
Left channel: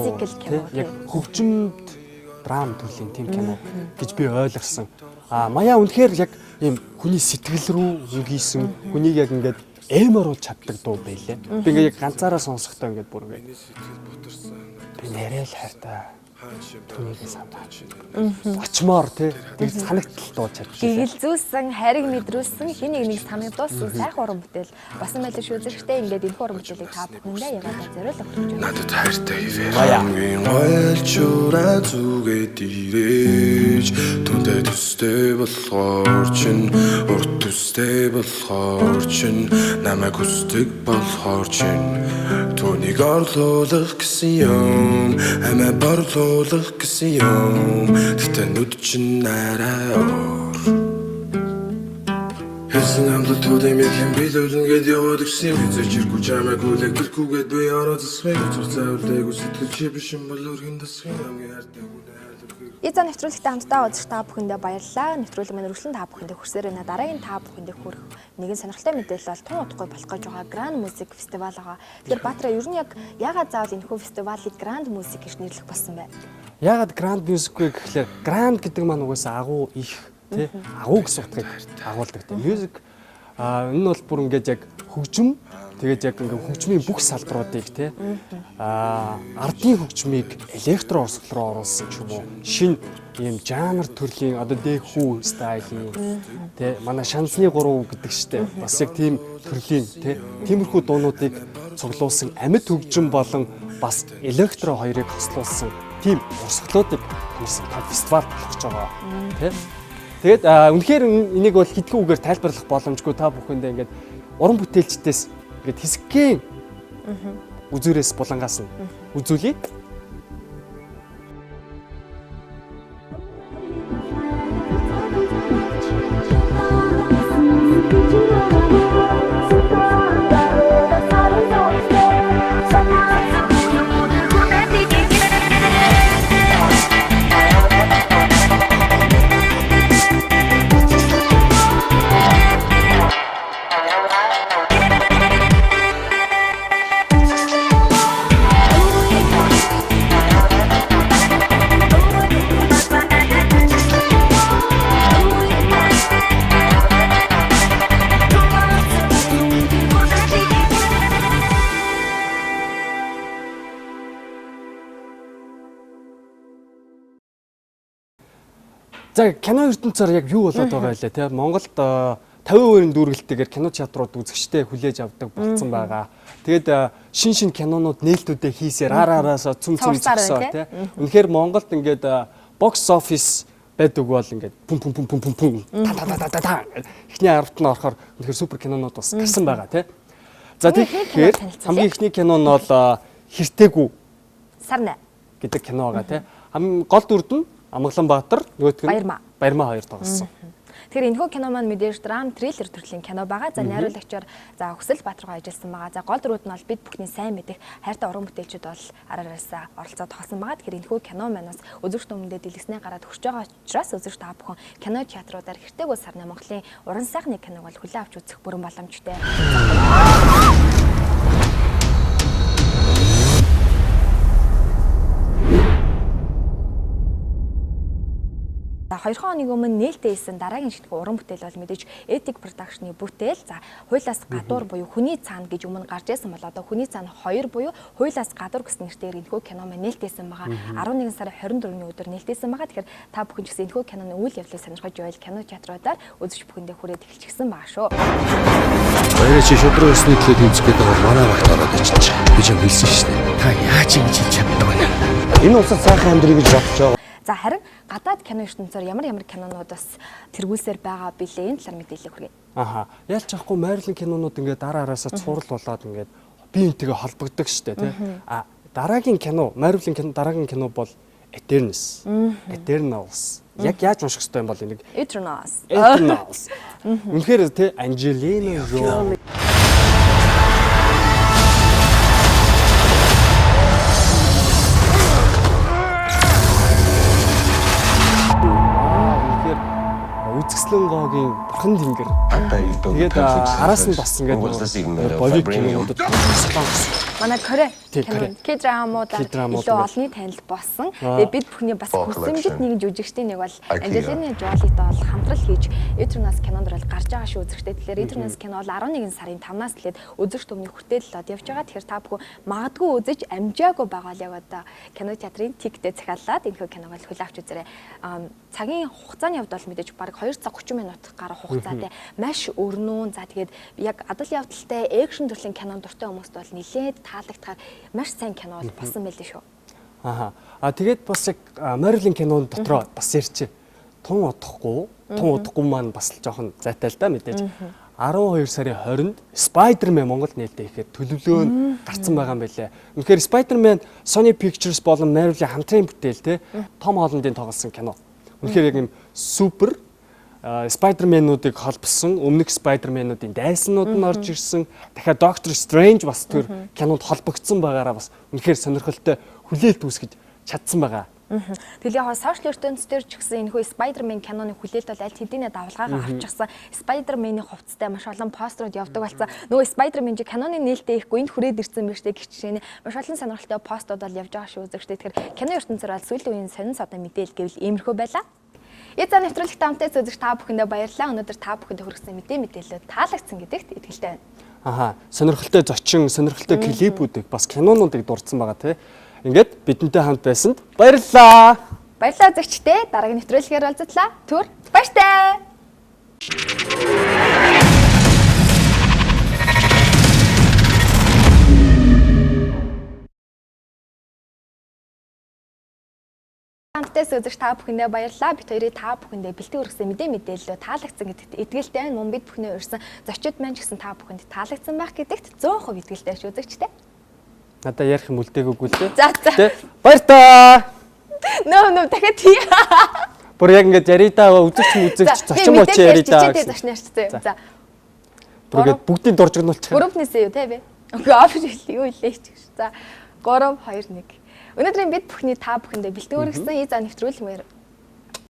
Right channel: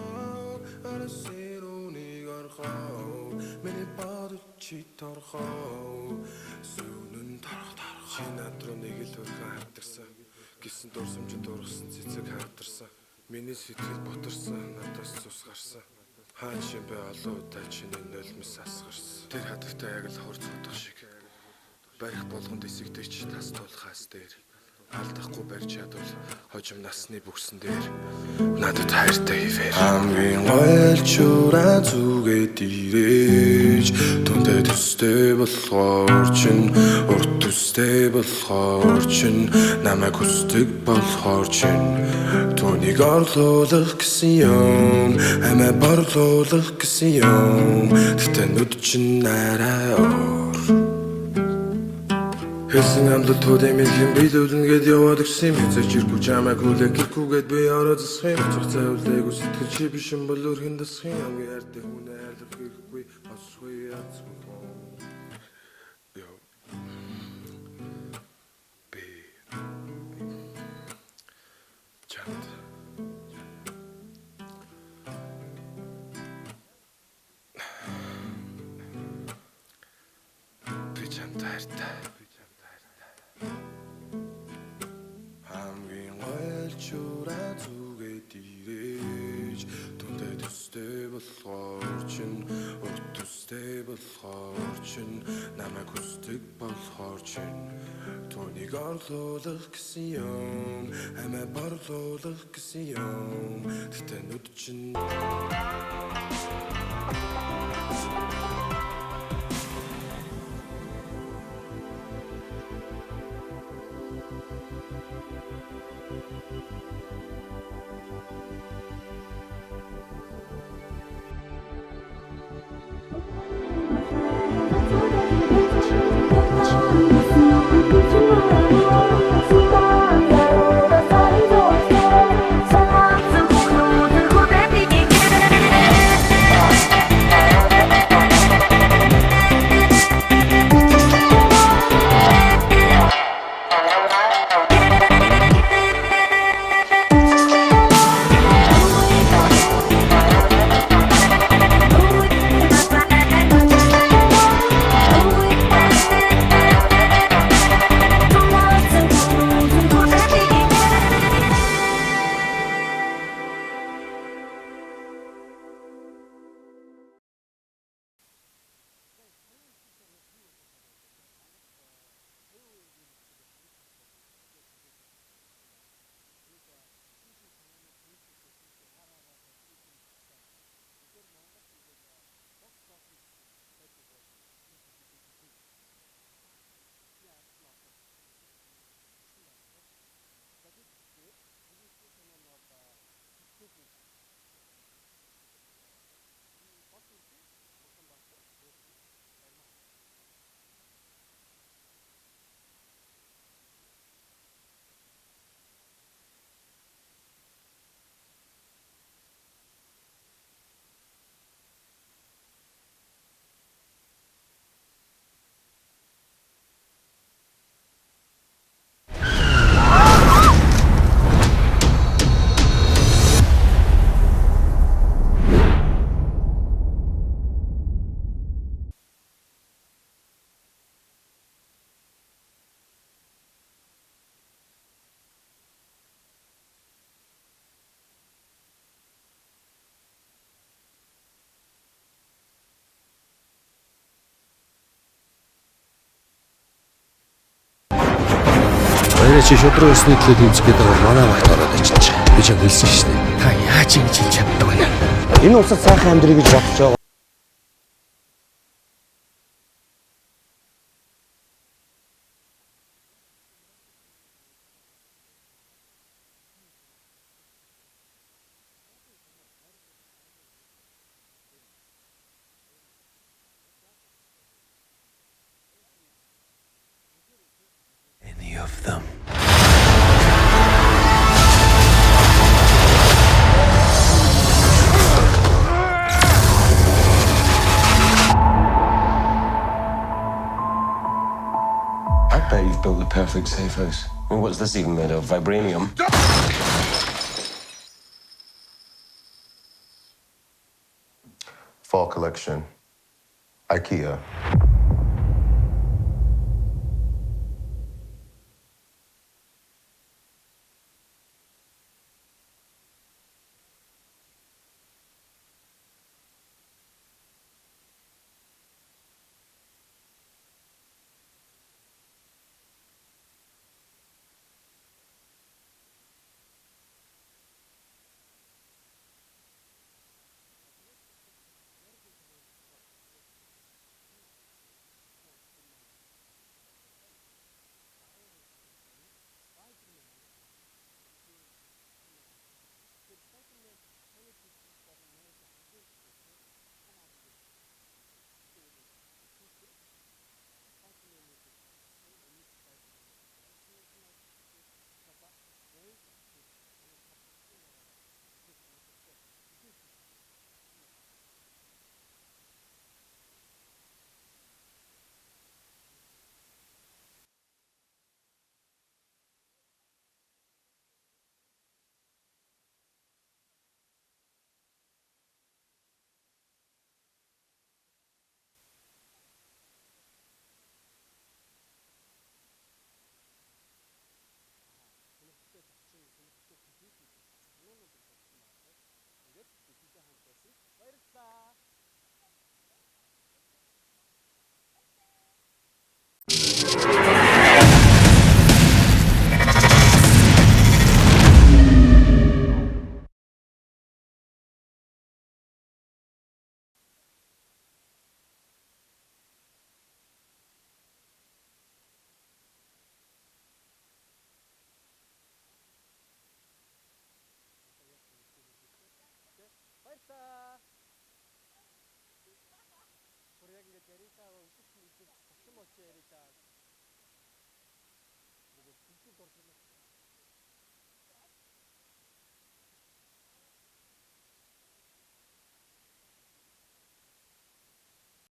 Яг хөгжимд драм төрлийн тийм кино гэж би ойлгосон. Мая үнэхээр яг ийм хүний сэтгэл рүү югийсэн хүнийг яг ингээд эморуулж чаддаг дуу байлээ. Би ингээд яг ганцаараа сонсохдоо ингээд бүр нэрэл хайртай. Очмоор тий санагдтал дуу чадчих. гэгэл зүүсэн, хариг мэдрүүлсэн хин нэг санагдуулсан сайхан уран бүтээл басан байлаа шүү зэгтэй ингээд энэ уран бүтээлийг та бүхэндээ ягаад зориулж Надад хайртай ивэ хамгийн гойлчураа зүгээд ирээж Түндэ төстэй болохоор чин урт төстэй болохоор чин намайг хүсдэг болохоор чин Түүнийг орлуулах гэсэн юм амиа борлуулах суулгах гэсэн юм. Гэтэ нүд чинь арай өөр. Хэлсэн амдлуудын мэдхийн бид өвлөн гээд яваад өгсөн. Хэзээ чиргүй чамайг үлэхгүйгээд би ороо засвэ. Цуцаавлаг үсэтгэл чи биш юм бол өргөн дасгын хамгийн хайртай хүн. Эзэн нэвтрүүлэгтээ хамтдаа үзэж та бүхэндээ баярлалаа. Нэвтрүүлэг маань өргөжлөн та бүхэндээ хүрсээр байна. Дараагийн та бүхэндээ хүрэх нэгэн сонирхолтой мэдээлэл бол тун удахгүй болох гэж байгаа Grand Music Festival байгаа. Тэгэхээр Баатар ер нь яг яагаад заавал энэхүү фестивалыг Grand Music гэж нэрлэх болсон бэ? Яагаад Grand Music вэ гэхлээр Grand гэдэг маань угаасаа агуу их тий агуу гэсэн утгыг агуулдаг тий. Music энэ бол бүр ингээд яг хөгжим тэгээд яг хөгжмийн бүх салбаруудыг тий ардын хөгжмийг электро урсгал руу оруулсан ч юм уу шинэ ийм жанр төрлийн одоо дэхүү стайлийн тий манай шансны 3 гэдэг штеп бас яг тийм төрлийн тий тиймэрхүү дуунуудыг цуглуулсан амьд хөгжим болон бас электро хоёрыг хослуулсан тийм урсгалуудыг фестивал болгож байгаа тий. Тэгээд үнэхээр энийг бол хитгэүүгээр тайлбарлах боломжгүй та бүхэндээ ингээд уран бүтээлчдээс ингээд хэсгийн үзүүрээс булангаас нь үзүүлье. За кино ертөнцөөр яг юу болоод байгаа вэ те Монголд 50% дүүргэлтэйгээр кино театрууд үзэгчтэй хүлээж авдаг болсон байгаа. Тэгээд шин кинонууд нээлтүүдээ хийсээр араасаа цүм зогсоо те. Үнэхээр Монголд ингээд бокс офис байдаг бол ингээд пум та ихний 10-т нь орохоор үнэхээр супер кинонууд бас гарсан байгаа те. За тэгэхээр хамгийн ихний кино нь бол Хэртээгүү Сарна гэдэг кино байгаа те. Хамгийн гол дүрд нь Амгаланбаатар нөгөөх нь Баярмаа 2 тоглосон. Тэгэхээр энэхүү кино маань мэдээж драм, триллер төрлийн кино байгаа. За найруулагчаар за Хүсэл Баатаргаа ажилласан байгаа. За гол дүрүүд нь бол бид бүхний сайн мэдих хайртай уран бүтээлчид бол араараасаа оролцоод тоглосон байгаа. Тэгэхээр энэхүү кино маань бас үзэгч хүмүүдэд дэлгэснээ гараад өгч байгаа учраас үзэгч та бүхэн кино театруудаар Хэртээгүү Сарна Монголын уран сайхны киног бол хүлээн авч үзэх бүрэн боломжтой. 2 хоногийн өмнө нээлттэй хийсэн дараагийн шинэ уран бүтээл бол мэдээж Ethic Production-ы бүтээл. За хуйлаас гадуур буюу хүний цаана гэж өмнө гарч ирсэн бол одоо хүний цаана 2 буюу хуйлаас гадуур гэсэн нэрээр энэхүү кино маань нээлттэйсэн байгаа. 11 сарын 24-ний өдөр нээлттэйсэн байгаа. Тэгэхээр та бүхэн ч гэсэн энэхүү киноны үйл явдлыг сонирхож байвал кино театруудаар үзэж бүхэндээ хүрээд эхэлчихсэн байгаа шүү. Баяраа чи шудраг өсний төлөө тэмцэх гэдэг бол манай багт ороод ичиж. Би ч хэлсэн шүү дээ. Та яаж ингэж хэлж чаддаг вэ? Энэ усад сайхан амьдрыг гэж бодож байгаа. За харин гадаад кино ертөнцөөр ямар кинонууд бас тэргүүлсээр байгаа билээ энэ талаар мэдээлэл хүргэе. Аха. Ялч ахгүй Мэрилэн кинонууд ингээд дараа араасаа цуврал болоод ингээд бие биентэйгээ холбогддог шүү дээ тий. А дараагийн кино, Мэрилэн кино дараагийн кино бол Eternals. Eternals. Яг яаж унших хэрэгтэй юм бол энийг Eternals. Үнэхээр тий Анжелина Жоли. Гогийн бурхан тэнгэр. Араас нь бас ингээд What's this even made of? Vibranium. Манай K-драмууд илүү олонний танил болсон. Тэгээ бид бүхний бас хүсэмжит нэгэн жүжигчдийн нэг бол Анжелина Жолитой бол хамтрал хийж Eternals кинонд бол гарч байгаа шүү үзэгчтэй. Тэгэхээр Eternals кино бол 11 сарын 5-наас эхлээд үзэгч түмний хүртэл явж байгаа. Тэгэхээр та бүхэн магадгүй үзэж амжаагүй байгаа л яг одоо кино театрын тиктэй захиаллаад энэ киног бол хүлээн авч үзээрэй. Цагийн хугацааны хувьд бол мэдээж бараг 2 цаг 30 минут гарах хугацаатай маш өрнүүн. За тэгээд яг адал явдалтай экшн төрлийн кинонд дуртай хүмүүст бол нэлээд таалагдахаар маш сайн кино бол болсон байлээ шүү. Аха. Тэгээд бас яг Мэрилэн кинонд дотроо бас ярьчээ. Тун удахгүй маань бас л жоохон зайтай л да мэдээж. 12 сарын 20-нд Spider-Man Монгол нээлттэй ихээр төлөвлөө нь гарсан байгаа юм байлээ. Үнэхээр Spider-Man Sony Pictures болон Marvel-ийн хамтран бүтээл те Том Холландын тоглосон кино. Үнэхээр яг юм супер Spider-Man-уудыг холбосон, өмнөх Spider-Man-уудын дайснууд нь орж ирсэн. Дахиад Doctor Strange бас тэр кинонд холбогдсон байгаараа бас үнэхээр сонирхолтой хүлээлт үүсгэж чадсан байгаа. Тэгэл яг сошиал ертөнцийн дээр ч гэсэн энэхүү Spider-Man киноны хүлээлт бол аль хэдийн давалгаагаа авчихсан. Spider-Man-ийн хувцастай маш олон постерууд явдаг болсон. Нөгөө Spider-Man чи киноны нээлттэй ихгүй энд хүрээд ирсэн байж тээ гिचшээ маш олон сонирхолтой постууд бол явж байгаа шүү үзэгчтэй. Тэгэхээр кино ертөнцөөр бол сүүлийн үеийн сонин содон мэдээлэл гэвэл иймэрхүү байлаа. Яцаа нэвтрүүлэгт хамтдаа үзэгч та бүхэндээ баярлалаа. Өнөөдөр та бүхэндээ хүргэсэн мэдээлэлүүд таалагдсан гэдэгт итгэлтэй байна. Аха, сонирхолтой зочин, сонирхолтой клипүүдийг бас кинонуудыг дурдсан байгаа тий. Ингээд бидэнтэй хамт байсанд баярлалаа. Баярлалаа үзэгчтэй. Дараагийн нэвтрүүлгээр уулзлаа. Түр баяртай. Хамтдаа үзэгч та бүхэндээ баярлалаа. Бид хоёрыг та бүхэндээ бэлтгэн хүргэсэн мэдээлэлөө таалагдсан гэдэгт итгэлтэй байна. Мөн бид бүхнээ урьсан зочид маань ч гэсэн та бүхэнд таалагдсан байх гэдэгт 100% итгэлтэй шүү үзэгчтэй. Надаа ярих юм үлдээгөөгүй л дээ. За. Баяртай. Нөө дахиад тий. Бүр яг ингээд яридаа үзэгч зочин мууч яридаа. За. Бүр ингээд бүгдийг дуржигнуулчих. Группнээсээ юу те бэ? Окей, офишл юу илээ ч гэж. За 3 2 1. Өнөөдрийн бид бүхний та бүхэндээ бэлтгэн хүргэсэн Иза нэвтрүүлэг